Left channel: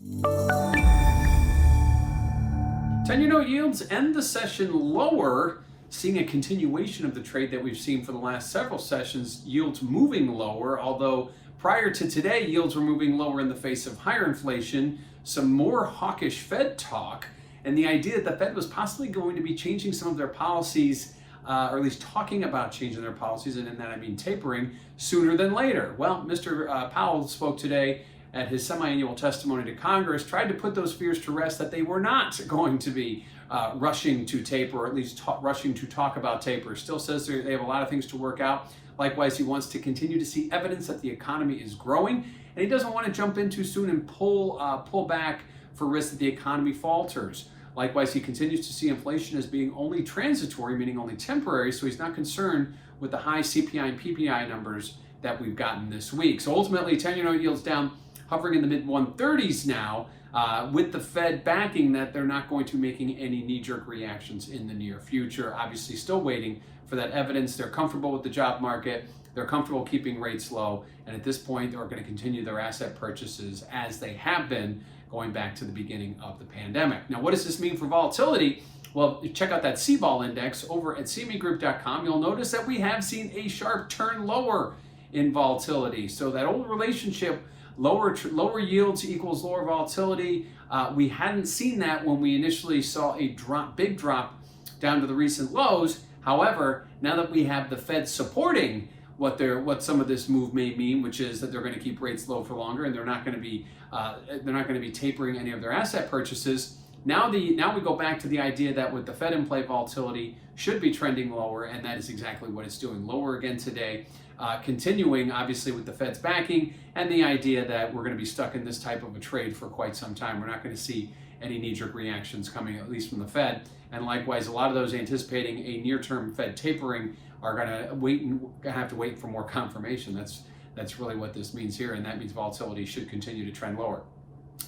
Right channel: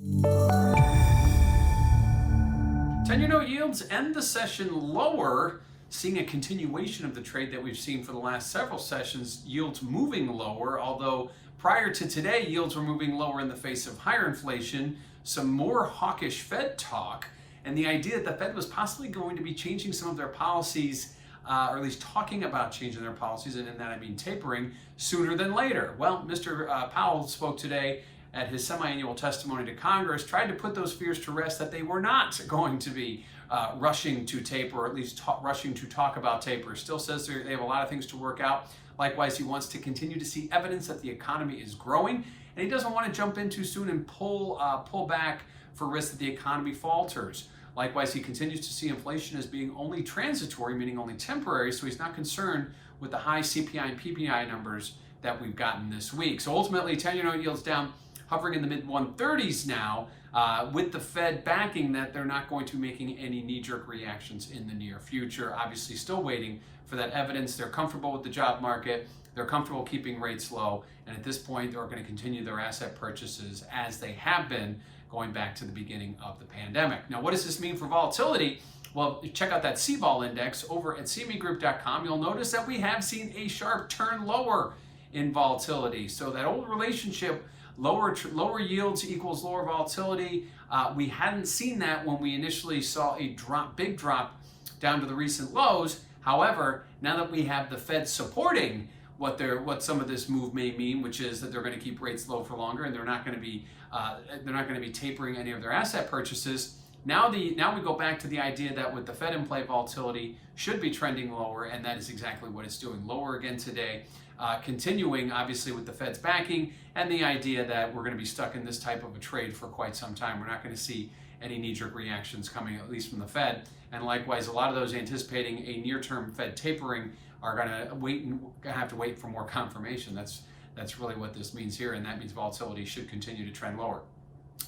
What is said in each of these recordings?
10-year note yields end the session lower, seeing a continuation of the trade that we've seen for the last several sessions, yields moving lower, although prior to today, yields were moving lower in the face of higher inflation, some more hawkish Fed talk, and the idea that the Fed was possibly going to be changing some of their policies, or at least talking about changing their policies, and in that I mean tapering, sooner than later. Well, Mr. Powell spoke today at his semi-annual testimony to Congress, tried to put those fears to rest that they were not going to be rushing to taper, or at least rushing to talk about taper. Still says they have a lot of things to work out. Likewise, he wants to continue to see evidence that the economy is growing, and he doesn't want to jump in too soon and pull back for risk that the economy falters. Likewise, he continues to see inflation as being only transitory, meaning only temporary, so he's not concerned with the high CPI and PPI numbers that we've gotten this week. So ultimately, 10-year note yields down, hovering in the mid-130s now, with the Fed backing that they're not going to be making any knee-jerk reactions in the near future. Obviously, still waiting for that evidence. They're comfortable with the job market. They're comfortable keeping rates low. And at this point, they're going to continue their asset purchases as they have been going back to the beginning of the pandemic. Now, what does this mean for volatility? Well, check out that CVOL index over at cmegroup.com. You'll notice that we have seen a sharp turn lower in volatility. So that old relationship, lower yields equals lower volatility. We hadn't seen that when we initially saw a big drop down to the recent lows. However, now that we have the Fed supporting what some of this move may mean, which is that they're going to keep rates low for longer, and they're not going to be tapering any of their asset purchases. Now we go back to the idea that with the Fed in play, volatility should be trending lower, and that is exactly what it's doing. Lower again today, continuing obviously with the Fed's backing and the idea that we're going to be stuck in this type of a trade for quite some time. We're not going to see any knee-jerk reactions coming, at least from the Fed. And likewise, a lot of those anticipating a near-term Fed tapering are going to have to wait for more confirmation. That's really what this means here, and that means volatility should continue to trend lower.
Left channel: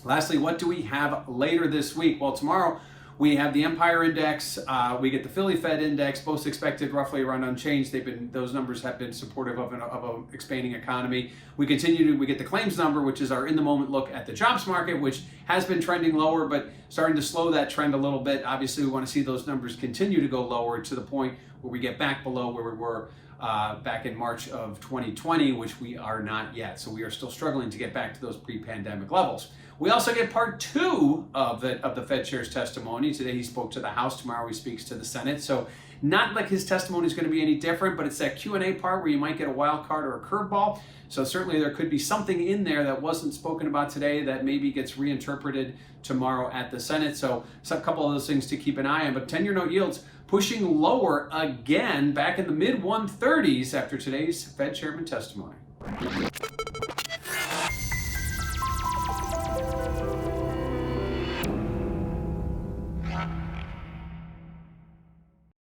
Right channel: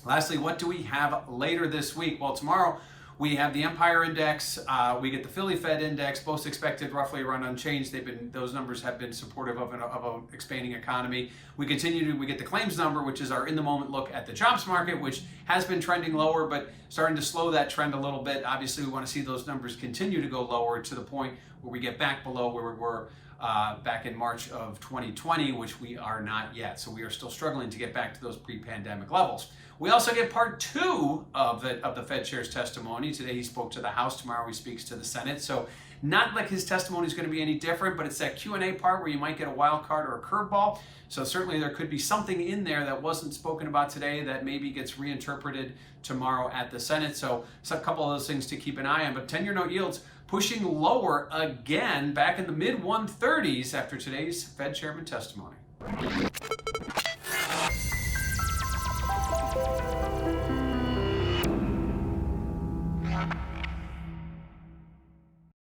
Lastly, what do we have later this week? Well, tomorrow we have the Empire Index, we get the Philly Fed Index, both expected roughly around unchanged. Those numbers have been supportive of an expanding economy. We get the claims number, which is our in-the-moment look at the jobs market, which has been trending lower, but starting to slow that trend a little bit. Obviously, we want to see those numbers continue to go lower to the point where we get back below where we were back in March of 2020, which we are not yet. So we are still struggling to get back to those pre-pandemic levels. We also get part two of the Fed chair's testimony. Today he spoke to the House. Tomorrow he speaks to the Senate. So not like his testimony is going to be any different, but it's that Q&A part where you might get a wild card or a curveball. So certainly there could be something in there that wasn't spoken about today that maybe gets reinterpreted tomorrow at the Senate. So it's a couple of those things to keep an eye on. But 10-year note yields pushing lower again, back in the mid-130s after today's Fed chairman testimony.